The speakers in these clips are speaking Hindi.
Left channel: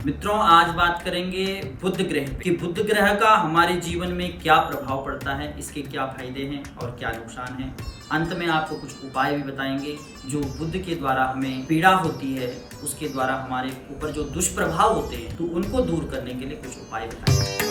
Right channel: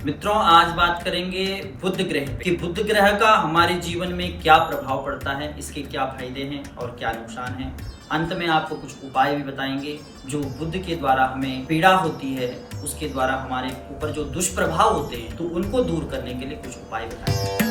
मित्रों, आज बात करेंगे बुध ग्रह पे कि बुध ग्रह का हमारे जीवन में क्या प्रभाव पड़ता है, इसके क्या फायदे हैं और क्या नुकसान हैं। अंत में आपको कुछ उपाय भी बताएंगे जो बुध के द्वारा हमें पीड़ा होती है, उसके द्वारा हमारे ऊपर जो दुष्प्रभाव होते हैं तो उनको दूर करने के लिए कुछ उपाय बताएंगे।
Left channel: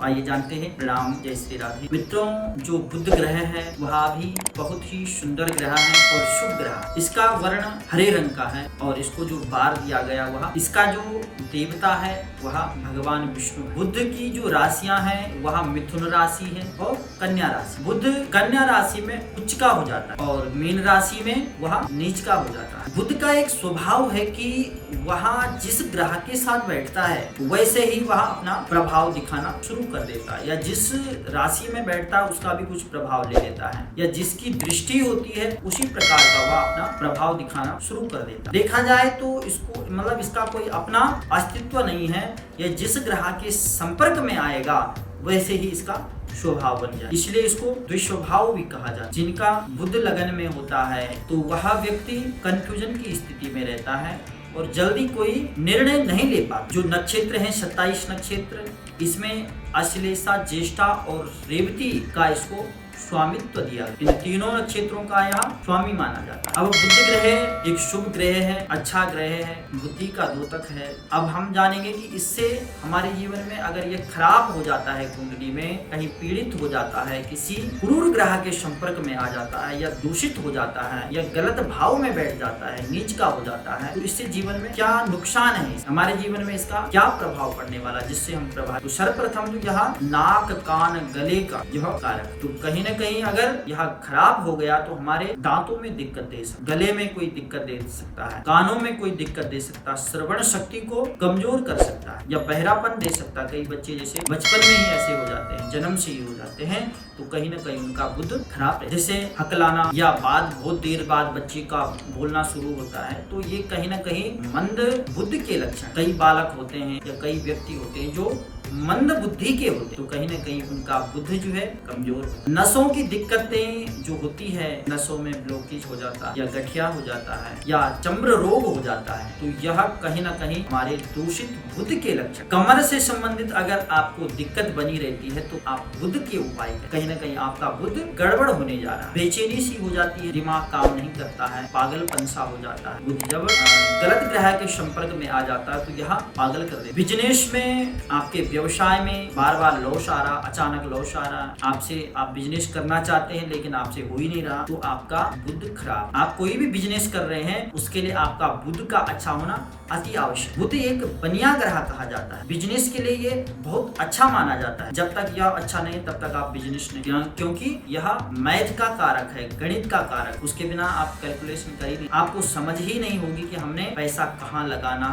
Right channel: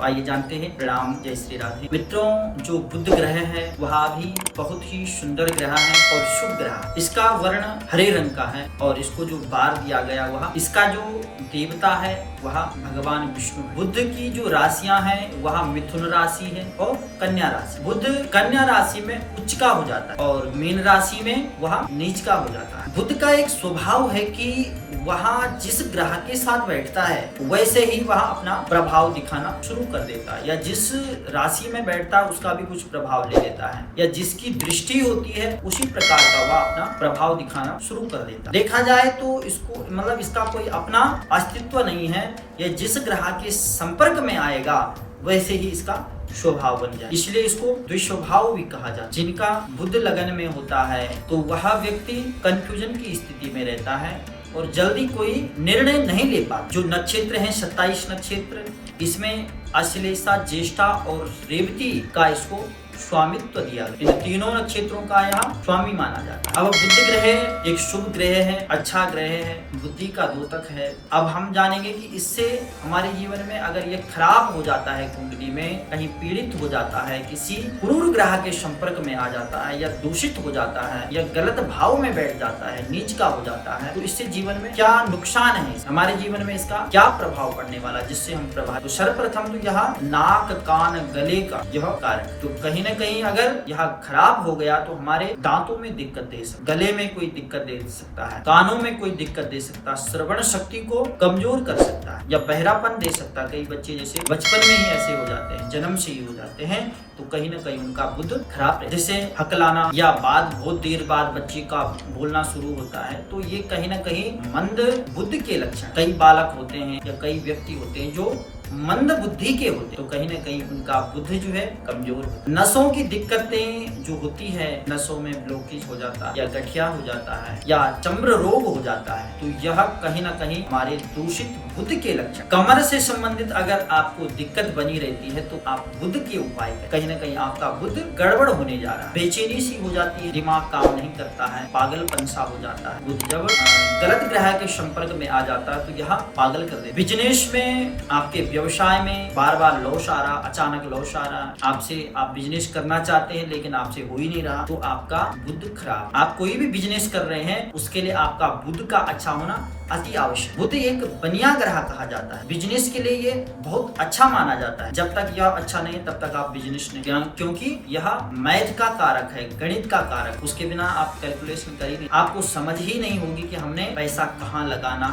आइए जानते हैं। प्रणाम, जय श्री राधे। मित्रों, जो बुध ग्रह है वह भी बहुत ही सुंदर ग्रह है और शुभ ग्रह। इसका वर्ण हरे रंग का है और इसको जो बार दिया गया वह इसका जो देवता है वह भगवान विष्णु है। बुध की जो राशियां हैं वह मिथुन राशि है और कन्या राशि। बुध कन्या राशि में उच्च का हो जाता है और मीन राशि में वह नीच का हो जाता है। बुध का एक स्वभाव है कि वहाँ जिस ग्रह के साथ बैठता है वैसे ही वह अपना प्रभाव दिखाना शुरू कर देता है, या जिस राशि में बैठता है उसका भी कुछ प्रभाव ले लेता है, या जिसकी दृष्टि होती है उसी प्रकार का वह अपना प्रभाव दिखाना शुरू कर देता है। देखा जाए तो इसको इसका कोई अपना अस्तित्व नहीं है। यह जिस ग्रह के संपर्क में आएगा वैसे ही इसका स्वभाव बन जाए, इसलिए इसको द्विस्वभाव भी कहा जाता है। जिनका बुध लगन में होता है तो वह व्यक्ति कंफ्यूजन की स्थिति में रहता है और जल्दी कोई निर्णय नहीं ले पाता। जो नक्षत्र हैं 27 नक्षत्र, इसमें अश्लेषा, ज्येष्ठा और रेवती का इसको स्वामित्व दिया गया। इन तीनों नक्षत्रों का यहाँ स्वामी माना जाता है। अब बुध ग्रह एक शुभ ग्रह है, अच्छा ग्रह है, बुद्धि का द्योतक है। अब हम जानेंगे कि इससे हमारे जीवन में अगर ये खराब हो जाता है, कुंडली में कहीं पीड़ित हो जाता है, किसी क्रूर ग्रह के संपर्क में आ जाता है, या दूषित हो जाता है, या गलत भाव में बैठ जाता है, नीच का हो जाता है, तो इससे जीवन में क्या नुकसान है, हमारे जीवन में इसका क्या प्रभाव पड़ने वाला, जिससे हम प्रभावित। तो सर्वप्रथम तो यह नाक, कान, गले का यह कारक, तो कहीं न कहीं अगर यह खराब हो गया तो हमारे दांतों में दिक्कत दे सकता, गले में कोई दिक्कत दे सकता है, कानों में कोई दिक्कत दे सकता, श्रवण शक्ति को कमजोर कर सकता है, या बहरापन दे सकता है। कई बच्चे जैसे बचपन में ही ऐसे हो जाते हैं, जन्म से ही हो जाते हैं, तो कहीं न कहीं उनका बुध खराब है। जैसे हकलाना या बहुत देर बाद बच्चे का बोलना शुरू होता है, तो ये कहीं न कहीं मंद बुध के लक्षण। कई बालक होते हैं या कई व्यक्ति होते हैं जो मंद बुद्धि के होते, तो कहीं न कहीं उनका बुध जो है कमजोर। नसों की दिक्कतें जो होती है, नसों में ब्लॉकेज हो जाता है, या गठिया हो जाता है, या चम्र रोग हो जाता है, तो यह कहीं न कहीं हमारे दूषित बुध के लक्षण। कमर से संबंधित अगर आपको दिक्कत बनी रहती है तो आप बुध के उपाय करें। कहीं न कहीं आपका बुध गड़बड़ होने जा रहा है, बेचैनी सी हो जाती है, दिमाग काम नहीं करता है, पागलपन सा हो जाता है। बुध जब गलत ग्रह के संपर्क में आ जाता है तो यह पागल कर दे। बिजनेस में, आपके व्यवसाय में बार बार लॉस आ रहा, अचानक लॉस आ रहा, आप बिजनेस करना चाहते हैं लेकिन आपसे हो ही नहीं रहा, तो आपका बुध खराब। आप कोई भी बिजनेस कर रहे हैं उसके लिए आपका बुध का अच्छा होना अति आवश्यक। बुध एक बनिया ग्रह कहा जाता है, बिजनेस के लिए ये बहुत अच्छा माना जाता है। जब तक यह अच्छा नहीं तब तक आप बिजनेस नहीं, क्योंकि यह मैथ का कारक है, गणित का कारक। उसके बिना आप कैलकुलेशन कर ही नहीं, आपको समझ ही नहीं होगी कि हमने पैसा कहाँ लगाना,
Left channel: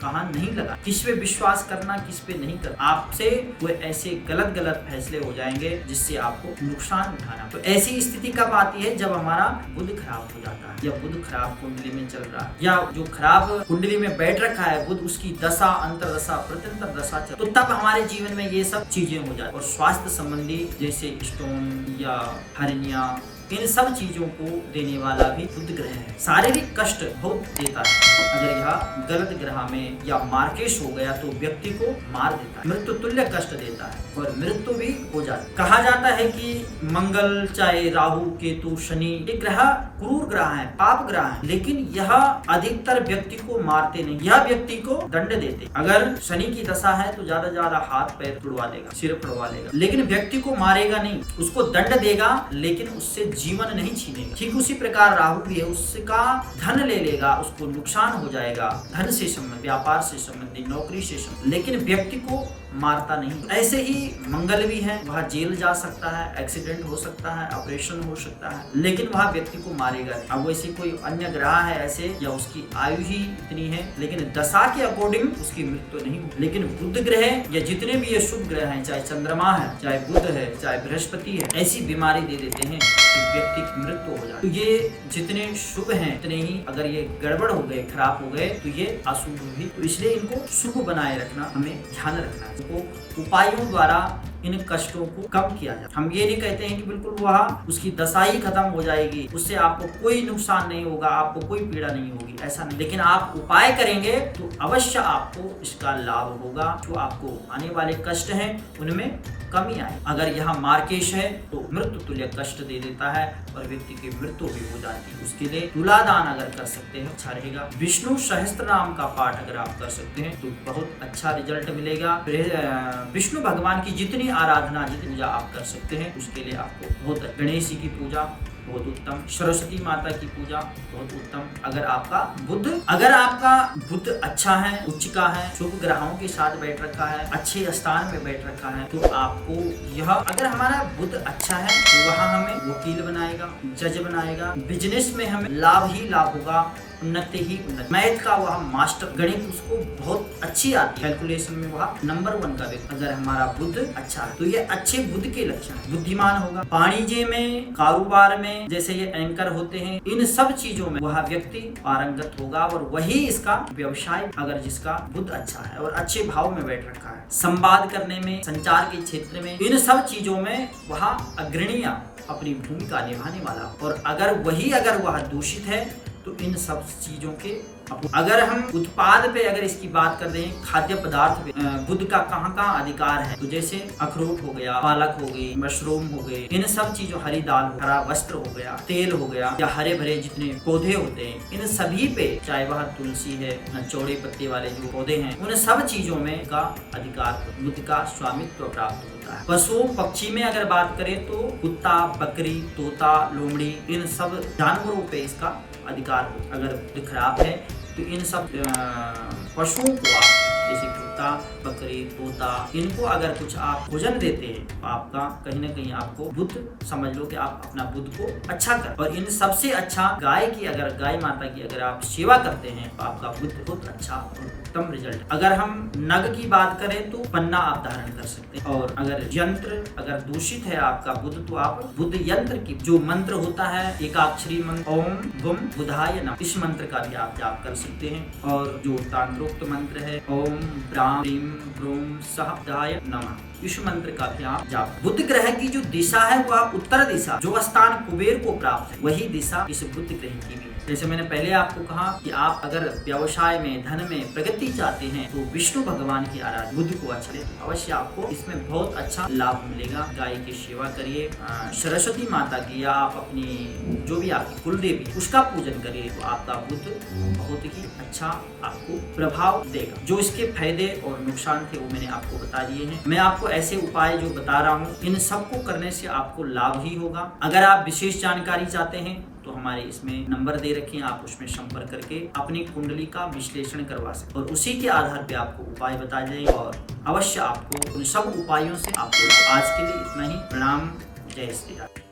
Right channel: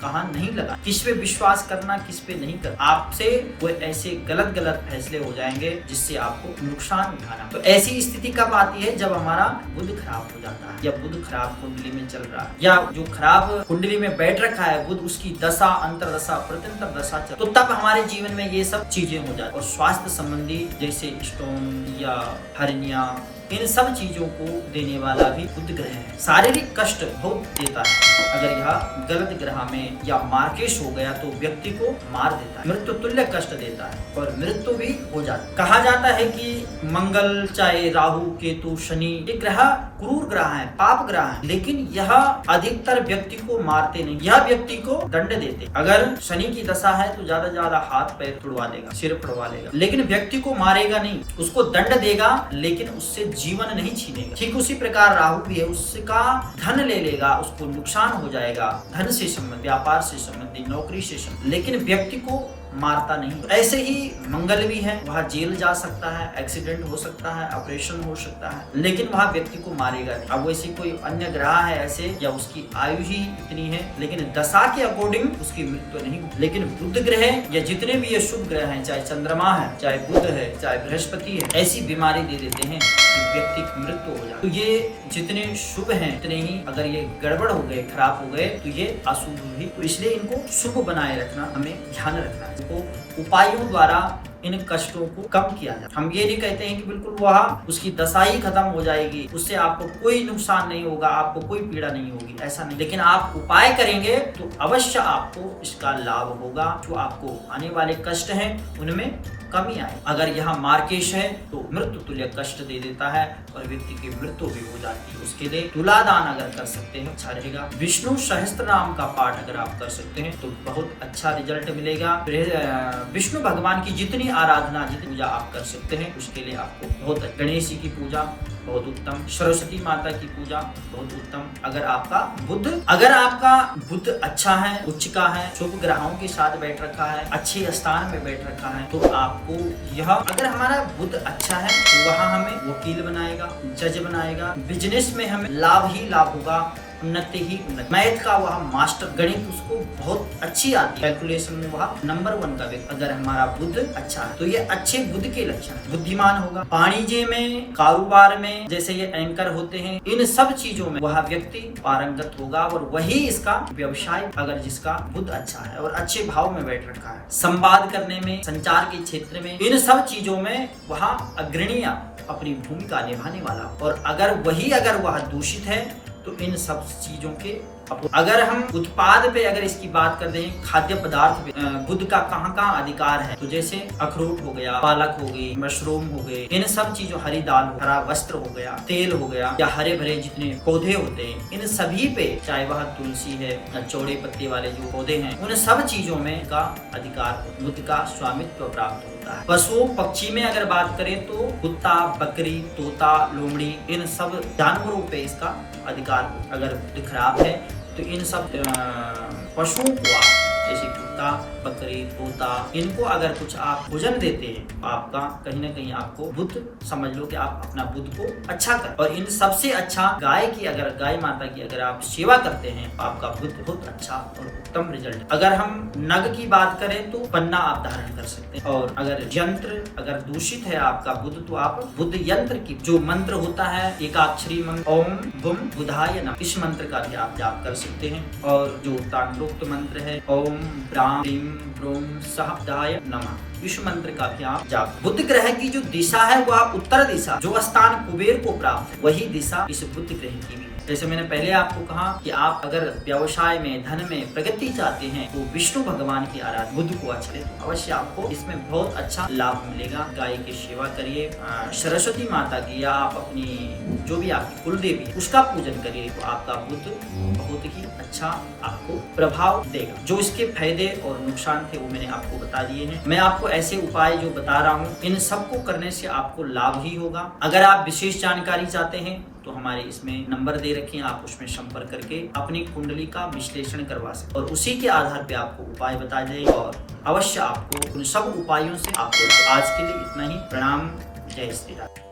कहाँ नहीं लगाना, किस पे विश्वास करना, किस पे नहीं करना। आपसे वो ऐसे गलत फैसले हो जाएंगे जिससे आपको नुकसान उठाना। तो ऐसी स्थिति कब आती है? जब हमारा बुध खराब हो जाता है, या बुध खराब कुंडली में चल रहा है, या जो खराब कुंडली में बैठ रखा है बुध, उसकी दशा, अंतरदशा, प्रत्यंतर दशा चल, तो तब हमारे जीवन में ये सब चीजें हो जाती। और स्वास्थ्य संबंधी जैसे स्टोन या हर्निया, इन सब चीजों को देने वाला भी बुध ग्रह है। शारीरिक कष्ट बहुत देता है अगर यह गलत ग्रह में या मार्केश हो गया तो व्यक्ति को मार देता है, मृत्यु तुल्य कष्ट देता है और मृत्यु भी हो जाती है। कहा जाता है कि मंगल, चाहे राहु, केतु, शनि, ये ग्रह क्रूर ग्रह है, पाप ग्रह है, लेकिन यह अधिकतर व्यक्ति को मारते नहीं, यह व्यक्ति को दंड देते। अगर शनि की दशा है तो ज्यादा हाथ पैर तुड़वा लेगा, सिर तुड़वा लेगा, लेकिन व्यक्ति को मारेगा नहीं, उसको दंड देगा लेकिन उससे जीवन नहीं छीनेगा। ठीक उसी प्रकार राहु भी है, उसका धन ले लेगा, उसको नुकसान हो जाएगा, धन से संबंधित, व्यापार से संबंधित, नौकरी से संबंधित, लेकिन व्यक्ति को मारता नहीं। ऐसे ही मंगल भी है, वह जेल जा सकता है, एक्सीडेंट हो सकता है, ऑपरेशन हो सकता है, लेकिन वह व्यक्ति को मारेगा नहीं। अब वैसे कोई अन्य ग्रह है ऐसे, या उसकी आयु ही इतनी है, लेकिन दशा के अकॉर्डिंग उसकी मृत्यु नहीं। लेकिन बुध ग्रह या जितने भी ये शुभ ग्रह हैं, चाहे चंद्रमा है, चाहे बुध है, चाहे बृहस्पति है, ऐसी बीमारी दे देते हैं व्यक्ति की मृत्यु हो जाती। तो ये जितने शुभ हैं उतने ही अगर ये गड़बड़ हो गए, खराब हो गए, तो ये अशुभ भी। तो इसलिए इनको शुभ बनाए रखना, हमें ध्यान रखना है। तो उपायों द्वारा इन कष्टों को कम किया जाए। हम ये नहीं कहते हैं कि बिल्कुल वह उसकी दशा ही खत्म हो जाएगी, उससे आपको कोई नुकसान नहीं होगा, आपको कोई पीड़ा नहीं होगी, ऐसा नहीं। लेकिन आप उपाय करेंगे तो अवश्य आपको इसका लाभ होगा। जो आपको आने वाले कष्ट हैं उनमें कमी आए। अगर यहाँ मार्केश है तो मृत्यु तुल्य कष्ट दे देता है और व्यक्ति की मृत्यु भी हो जाती है। उसके लिए तुलादान अगर कर सकते हैं अच्छा रहेगा। विष्णु सहस्त्र नाम का पाठ अगर आप कर सकते हैं तो बहुत अच्छा रिजल्ट मिलेगा। विष्णु भगवान की जितनी आराधना जितनी पूजा आप कर सकते हैं उसके लिए आपको बहुत गणेश जी की पूजा बहुत उत्तम, सरस्वती माता की पूजा बहुत उत्तम। अगर आपका बुध अच्छा है, उच्च का है, शुभ ग्रहों के साथ बैठ रखा है, अच्छे स्थान में बैठ रखा है तो आपको यह, अगर हमारा बुध अच्छा है तो वहाँ हमें वकील बनाएगा, जज बनाएगा, बिजनेस में हमें लाभ ही लाभ होगा, उन्नति ही उन्नति। मैथ का वह मास्टर, गणित उसको बहुत अच्छी आती है, कैलकुलेशन में वह नंबर 1 का व्यक्ति। अगर हमारा बुध अच्छा है तो ये अच्छे बुध के लक्षण है। बुद्धिमान होगा, वाणिज्य में, कारोबार में, जैसे ये एंकर होते हैं, इन सब चीजों में वह व्यक्ति पारंगत होगा और वही इसका व्यवसाय, अगर जिसका बुध अच्छा है और अच्छे भाव में बैठ रखा है, संवाद करने में, संचार के क्षेत्र में, इन सब चीजों में वह अग्रणी अपनी भूमिका निभाने वाला। और अगर वह दूषित है तो इन सब चीजों के अगर हम उत्पाद पे अगर इसकी बात करते हैं, खाद्य पदार्थ पे बुध का कहाँ अधिकार है, तो जैसे अखरोट हो गया, पालक हो गई, मशरूम हो गए, इन सब चीजों, हरी दाल, हरा वस्त्र हो गया, तेल हो गया, या हरे भरे जितने पौधे होते हैं, इन सभी पे, चाहे वह तुलसी है, चौड़े पत्ते वाले जो पौधे हैं, उन सब चीजों में का अधिकार, बुध का स्वामित्व प्राप्त होता है। पशु पक्षी में अगर बात करें तो कुत्ता, बकरी, तोता, लोमड़ी, इन सब जानवरों पे इसका अधिकार। अगर बुध खराब है तो इन सब पशुओं को आप, जैसे कुत्ता, बकरी, तोता, इनको अगर कुछ आप भोजन देते हैं तो आपका कहीं ना कहीं आपको बुध, समझ लो कि आप अपना बुध को अच्छा कर। और इन सबसे अच्छा गाय माता की अगर आप सेवा करते हैं तो आपका बुध बहुत अच्छा और उत्तम रिजल्ट। अगर हम नग की बात करें तो पन्ना आप धारण कर सकते हैं। और अगर यंत्र अगर दूषित है आपका बुध तो आप बुध यंत्र की जो मंत्र होता है, एकाक्षरी मंत्र, ओम बुम बुधाय नमः, इस मंत्र का भी आप जाप कर सकते हैं। और जो तांत्रोक्त मंत्र है, ओम ब्राम ह्रीम ब्रोम सह बुधाय नमः, इस मंत्र का भी आप जाप। बुध ग्रह की जो दिशा है वह उत्तर दिशा, जो स्थान कुबेर को प्राप्त है वही दिशा इस बुध ग्रह की भी। जैसे मैंने पहले आपको कहा कि आप अगर व्यवसाय में, धन में प्रगति चाहते हैं तो विष्णु भगवान की आराधना, बुध को अच्छा ले तो अवश्य आपको इसमें बहुत अच्छा लाभ मिलेगा। गाय की सेवा करिए, सरस्वती माता की या आप अपनी जो भी आपकी कुल देवी उसका पूजन करिए तो आपका बुध बहुत ही अच्छा आपको प्रभाव देगा। जो इसके फायदे और नुकसान थे वो मैंने आपको बता दिए हैं। मैं आपको ऐसे उपाय जो बता रहा हूँ इन सबको करने से आपको लाभ ही होगा। अगर आप विशेष जानकारी चाहते हैं तो हमारे इसमें नंबर दे रखे हैं, आप उसमें संपर्क करके अपनी कुंडली का विश्लेषण करवा सकते और उसी के आधार पे आपको उपाय बताए जाएंगे और अवश्य आपको उन सब उपायों से आपको। आज के लिए इतना ही। प्रणाम, जय श्री राम।